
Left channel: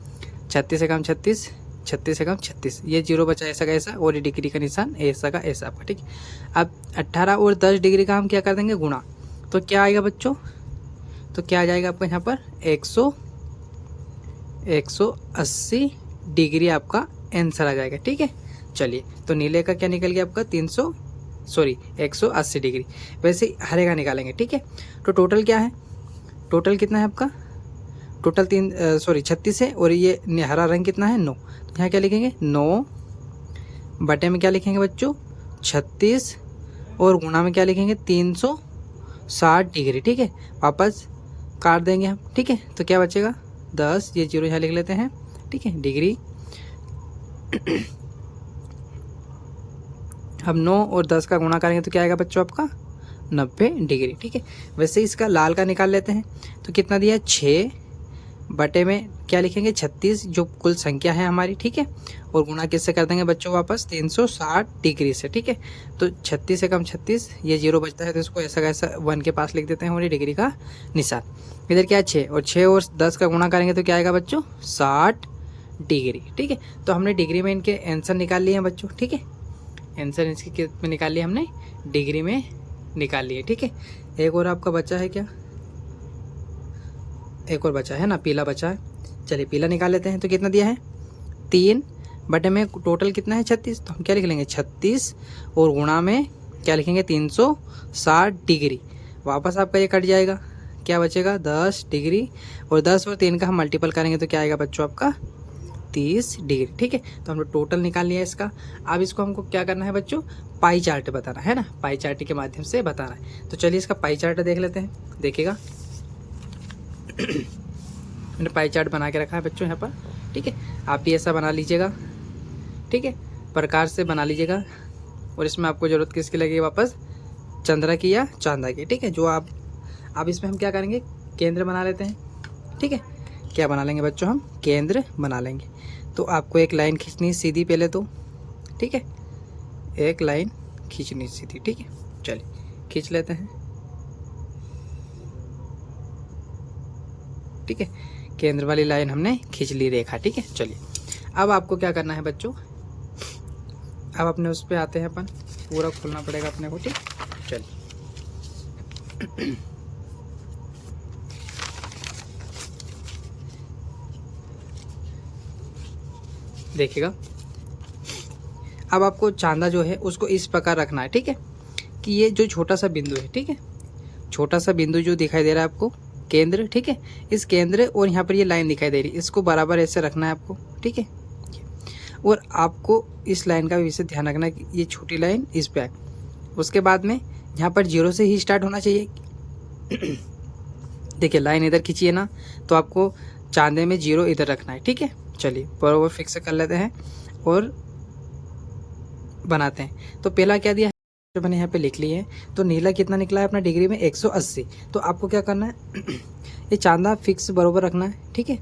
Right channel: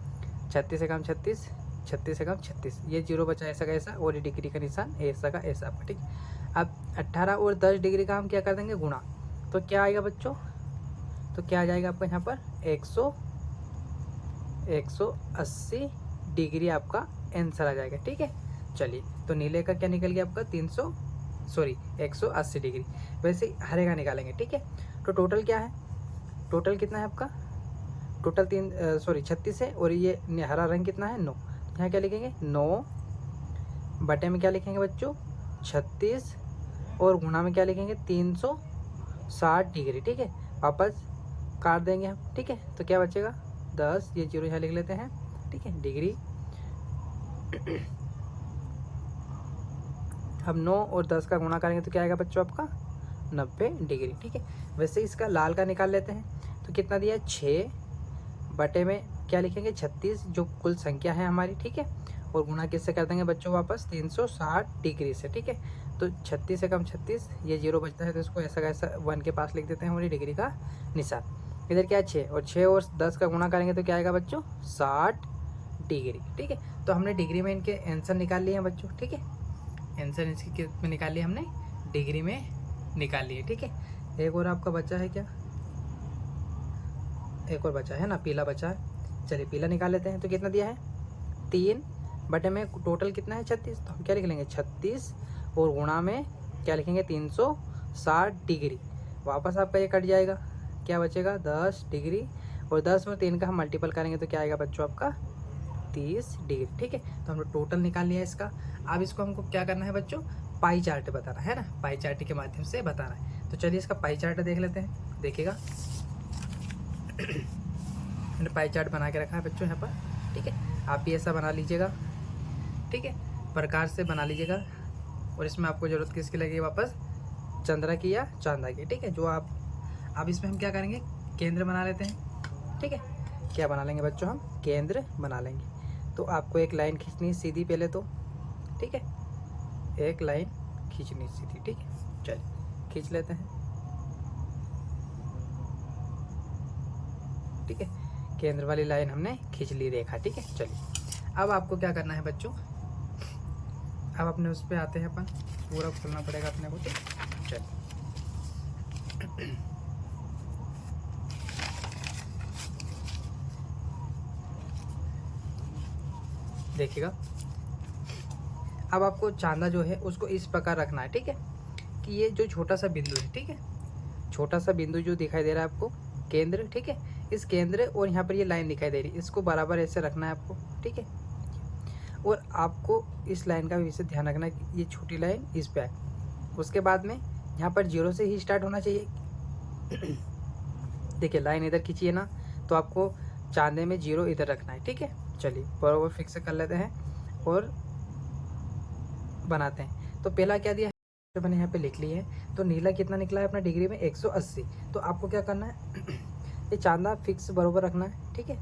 36 से कम 36, 36 से कम 36, ये जीरो बचा ऐसा का ऐसा, और ये डिग्री का निशान ऐसा का ऐसा आपका, ठीक है। अब 18 और 10 डिग्री का हम क्या कर देंगे गुणा, तो क्या आएगा बच्चों, तो क्या आ जाएगा आपका यहाँ पर 180 डिग्री आपका आंसर आ जाएगा, ठीक है। चलिए तो नीले का क्या निकल गया आपका 180 डिग्री, वैसे हरे का निकालेंगे, ठीक है। तो टोटल क्या है, टोटल कितना है आपका, टोटल 36 है, और ये हरा रंग कितना है 9, तो यहाँ क्या लिखेंगे 9 बटे में क्या लिखेंगे बच्चों 36, और गुणा में क्या लिखेंगे 360 डिग्री, ठीक है। वापस काट देंगे हम, ठीक है। तो क्या बचेगा 10, ये जीरो यहाँ लिख लेते हैं, ठीक है, डिग्री। अब 9 और 10 का गुणा करेंगे तो क्या आएगा बच्चों आपका 90 डिग्री, ठीक है। वैसे इसका लाल का निकाल लेते हैं, तो कितना दिया है 6 बटे में क्या लिखेंगे 36, जो कुल संख्या है हमारी, ठीक है, और गुणा किससे कर देंगे बच्चों वापस 360 डिग्री से, ठीक है। तो 36 से कम 36, ये जीरो बचता है तो इसको ऐसा कैसा 1 के पास लिख देते हैं, और ये डिग्री का निशान, इधर क्या है 6, और 6 और 10 का गुणा करेंगे तो क्या आएगा बच्चों 60 डिग्री, ठीक है। तो हमने डिग्री में इनके आंसर निकाल लिए हैं बच्चों, ठीक है, आंसर इसके कित में निकाल लिया हमने, डिग्री में निकाल लिए, ठीक है। एक और आपका बचा है क्या, एक और बचा है ना, पीला बचा है, चलिए पीला निकाल लेते हैं। तो कितना दिया है 3 बटे में टोटल कितना है 36, तो हम क्या लिख लेंगे 36, और गुणा में क्या लिखेंगे 360 डिग्री, वापस आपका ये कट जाएगा, क्या बचेगा 10 डिग्री, और 10 और 3 का हम मल्टीपल करेंगे तो क्या आएगा बच्चों आपका 30 डिग्री, ठीक है। तो हम लोग टोटल निकाल लिया इसका। अब इसको हमको क्या करना है बच्चों, पाई चार्ट बताना है ना, पाई चार्ट के माध्यम से बताना है। तो चलिए इसका पाई चार्ट देख लेते हैं, देखिएगा मैंने पाई चार्ट बना के रखा है बच्चों यहाँ पर, ठीक है। आप भी ऐसा बना लीजिएगा, ठीक है, प्रकार से बना लीजिएगा, और इसमें आपको ज़रूरत किसकी लगेगी वापस चंद्रा की या चांदा की, ठीक है। जो आप इसमें हम क्या करेंगे केंद्र बना लेते हैं, ठीक है। क्या बना लेंगे बच्चों, हम केंद्र बना लेंगे। तो आपको एक लाइन खींचनी सीधी पहले तो, ठीक है, एक लाइन खींचनी सीधी, ठीक है। चलिए खींच लेते हैं, ठीक है, केंद्र वाली लाइन हमने खींच ली रेखा, ठीक है। चलिए अब आपको क्या करना है बच्चों, अब अपने उस पे आते हैं अपन, पूरा खोलना पड़ेगा अपने को, ठीक। चलिए देखिएगा, अब आपको चांदा जो है उसको इस प्रकार रखना है, ठीक है, कि ये जो छोटा सा बिंदु है, ठीक है, छोटा सा बिंदु जो दिखाई दे रहा है आपको केंद्र, ठीक है, इस केंद्र और यहाँ पर ये लाइन दिखाई दे रही है, इसको बराबर ऐसे रखना है आपको, ठीक है। और आपको इस लाइन का भी विशेष ध्यान रखना है कि ये छोटी लाइन इस पे आए, उसके बाद में यहाँ पर 0 से ही स्टार्ट होना चाहिए। देखिए लाइन इधर खींचिए ना, तो आपको चांदे में 0 इधर रखना है, ठीक है। चलिए बराबर फिक्स कर लेते हैं और बनाते हैं। तो पहला क्या दिया है, जो मैंने यहाँ पे लिख ली है, तो नीला कितना निकला है अपना डिग्री में 180। तो आपको क्या करना है ये चांदा फिक्स बराबर रखना है, ठीक है,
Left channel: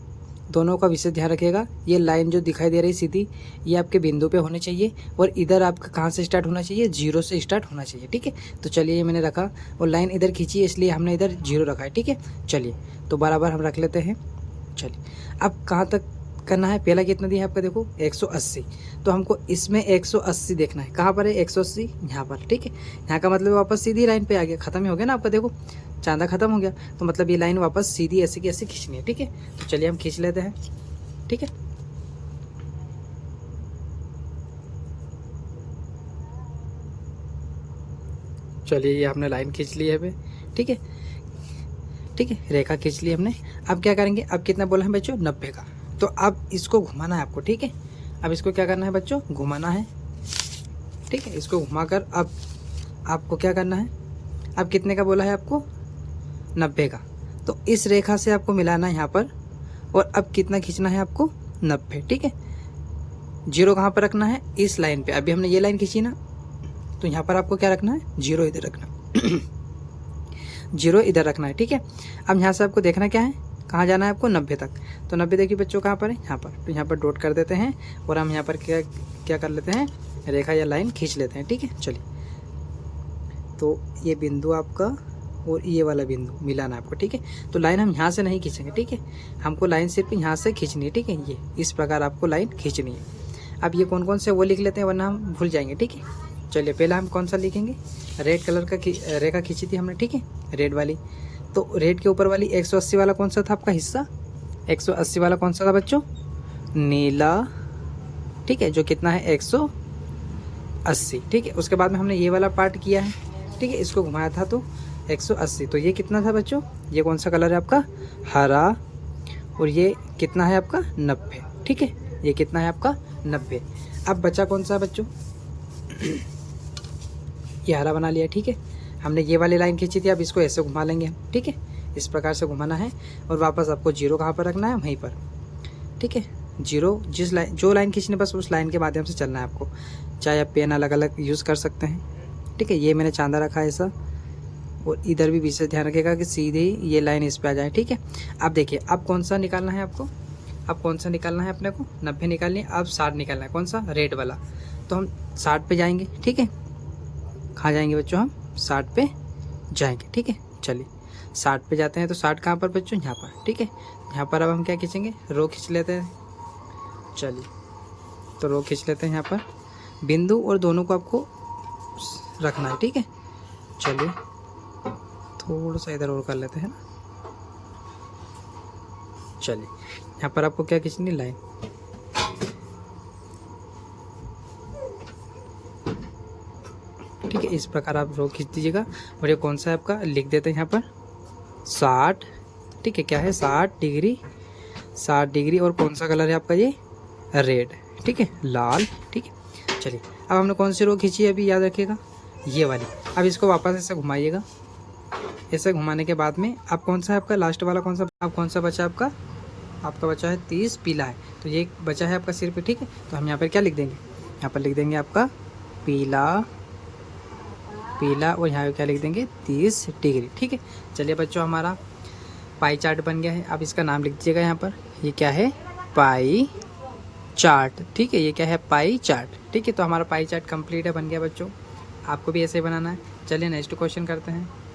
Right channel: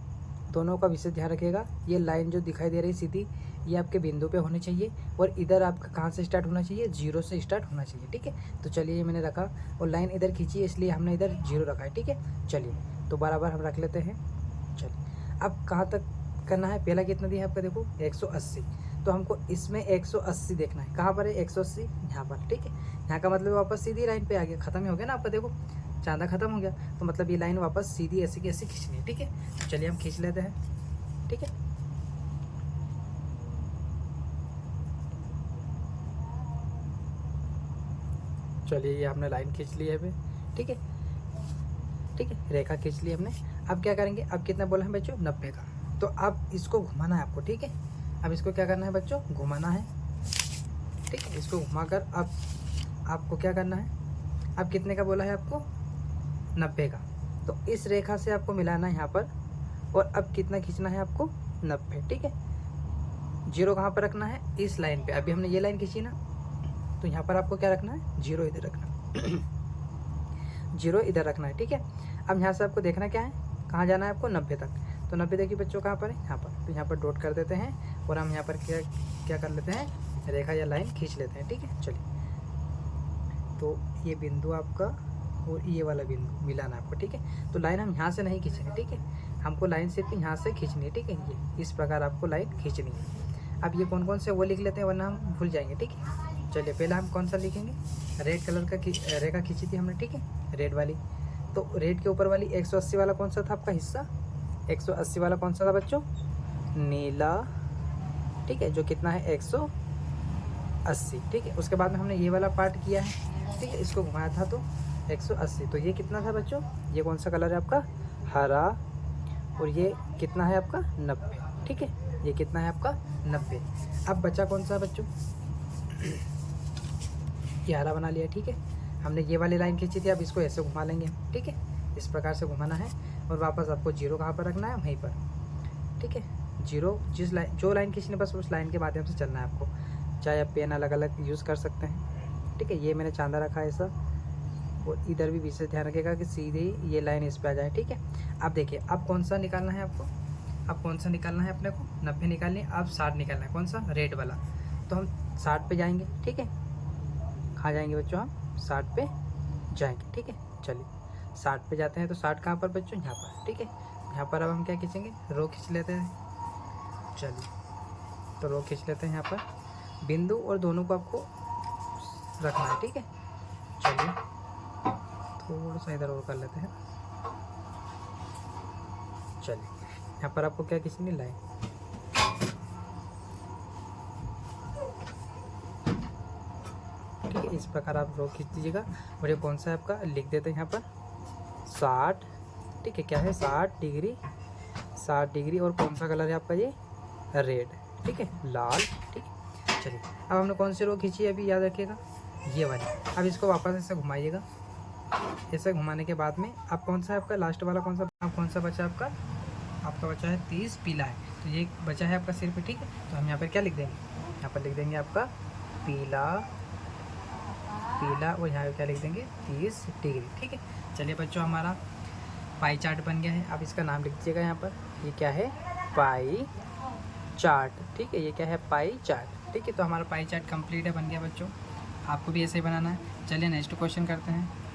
दोनों का विशेष ध्यान रखिएगा। ये लाइन जो दिखाई दे रही सीधी, ये आपके बिंदु पे होनी चाहिए, और इधर आपका कहाँ से स्टार्ट होना चाहिए 0 से स्टार्ट होना चाहिए, ठीक है। तो चलिए ये मैंने रखा, और लाइन इधर खींची इसलिए हमने इधर 0 रखा है, ठीक है। चलिए तो बराबर हम रख लेते हैं। चलिए अब कहाँ तक करना है। पहला कितना दिया है आपका, देखो 180, तो हमको इसमें 180 देखना है। कहाँ पर है 180, यहाँ पर, ठीक है। यहाँ का मतलब वापस सीधी लाइन पे आ गया, खत्म ही हो गया ना आपका, देखो चांदा खत्म हो गया, तो मतलब ये लाइन वापस सीधी ऐसे की ऐसे खींचनी है, ठीक है। तो चलिए हम खींच लेते हैं, ठीक है। चलिए ये आपने लाइन खींच ली है अभी, ठीक है, ठीक है, रेखा खींच ली हमने। अब क्या करेंगे, अब कितना बोला है बच्चों, 90 का। तो अब इसको घुमाना है आपको, ठीक है। अब इसको क्या करना है बच्चों, घुमाना है, ठीक है। इसको घुमाकर अब आपको क्या करना है, अब कितने का बोला है आपको, 90 का। तो इस रेखा से आपको मिलाना है यहाँ पर, और अब कितना खींचना है आपको, 90, ठीक है। जीरो कहाँ पर रखना है, इस लाइन पे। अभी हमने ये लाइन खींची ना, तो यहाँ पर आपको क्या रखना है, जीरो इधर रखना जीरो इधर रखना है, ठीक है। अब यहाँ से आपको देखना क्या है, कहाँ जाना है आपको, 90 तक। तो 90 देखिए बच्चों कहाँ पर है, यहाँ पर। तो यहाँ पर डॉट कर देते हैं, और हम यहाँ पर क्या क्या कर लेते हैं, रेखा या लाइन खींच लेते हैं, ठीक है। चलिए, तो ये बिंदु आपका और ये वाला बिंदु मिलाना है आपको, ठीक है। तो लाइन हम यहाँ से नहीं खींचेंगे, ठीक है। हमको लाइन सिर्फ यहाँ से खींचनी है, ठीक है। ये इस प्रकार आपको लाइन खींचनी है। अब ये कौन कौन से वो लिख लेते हैं, वरना हम भूल जाएंगे, ठीक है। चलिए पहला हम कौन सा लिखेंगे, रेड कलर का रेखा खींची थी हमने, ठीक है, रेड वाली। तो रेड के ऊपर वाली 180 वाला कौन सा था आपका हिस्सा, 180 वाला कौन सा था बच्चों, नीला, ठीक है, जो कितना है 180, ठीक है। उसके बाद में हमने ये वाला पार्ट किया है, ठीक है, इसको घुमाया था तो 180। तो ये कितना था बच्चों, ये कौन सा कलर है आपका, हरा, और ये कितना है आपका 90, ठीक है। ये कितना है आपका 90। अब बचा कौन सा बच्चों, ये हरा बना लिया, ठीक है। हमने ये वाली लाइन खींची थी, अब इसको ऐसे घुमा लेंगे हम, ठीक है। इस प्रकार से घुमाना है, और वापस आपको जीरो कहाँ पर रखना है, वहीं पर, ठीक है। जीरो जिस लाइन, जो लाइन खींचनी बस उस लाइन के माध्यम से चलना है आपको। चाहे आप पेन अलग अलग यूज़ कर सकते हैं, ठीक है। ये मैंने चांदा रखा है ऐसा, और इधर भी विशेष ध्यान रखिएगा कि सीधे ये लाइन इस पर आ जाए, ठीक है। अब देखिए, अब कौन सा निकालना है आपको, अब कौन सा निकालना है अपने को, 90 निकालनी है। अब 60 निकालना है, कौन सा, रेड वाला। तो हम 60 पे जाएंगे, ठीक है। कहाँ जाएंगे बच्चों, हम 60 पे जाएंगे, ठीक है। चलिए 60 पे जाते हैं, तो 60 कहाँ पर बच्चों, यहाँ पर, ठीक है। यहाँ पर अब हम क्या खींचेंगे, रो खींच लेते हैं। चलिए, तो रो खींच लेते हैं यहाँ पर, बिंदु और दोनों को आपको रखना है, ठीक है। चलिए थोड़ा सा इधर और कर लेते हैं। चलिए, यहाँ पर आपको क्या खींचनी, लाइन, ठीक है। इस प्रकार आप रो खींच दीजिएगा। और ये कौन सा है आपका, लिख देते हैं यहाँ पर 60, ठीक है। क्या है, 60 डिग्री, 60 डिग्री। और कौन सा कलर है आपका, ये रेड, ठीक है, लाल, ठीक है। चलिए, अब हमने कौन सी रो खींची है अभी, याद रखिएगा, ये वाली। अब इसको वापस ऐसे घुमाइएगा, ऐसे घुमाने के बाद में अब कौन सा है आपका लास्ट वाला, कौन सा, अब कौन सा बचा आपका, आपका बचा है 30, पीला है। तो ये बचा है आपका सिर्फ, ठीक है। तो हम यहाँ पर क्या लिख देंगे, यहाँ पर लिख देंगे आपका पीला, पीला, और यहाँ पे क्या लिख देंगे 30 डिग्री, ठीक है। चलिए बच्चों, हमारा पाई चार्ट बन गया है। अब इसका नाम लिख दीजिएगा यहाँ पर, ये क्या है, पाई चार्ट, ठीक है। ये क्या है, पाई चार्ट, ठीक है। तो हमारा पाई चार्ट कंप्लीट है, बन गया बच्चों। आपको भी ऐसे ही बनाना है। चलिए नेक्स्ट क्वेश्चन करते हैं।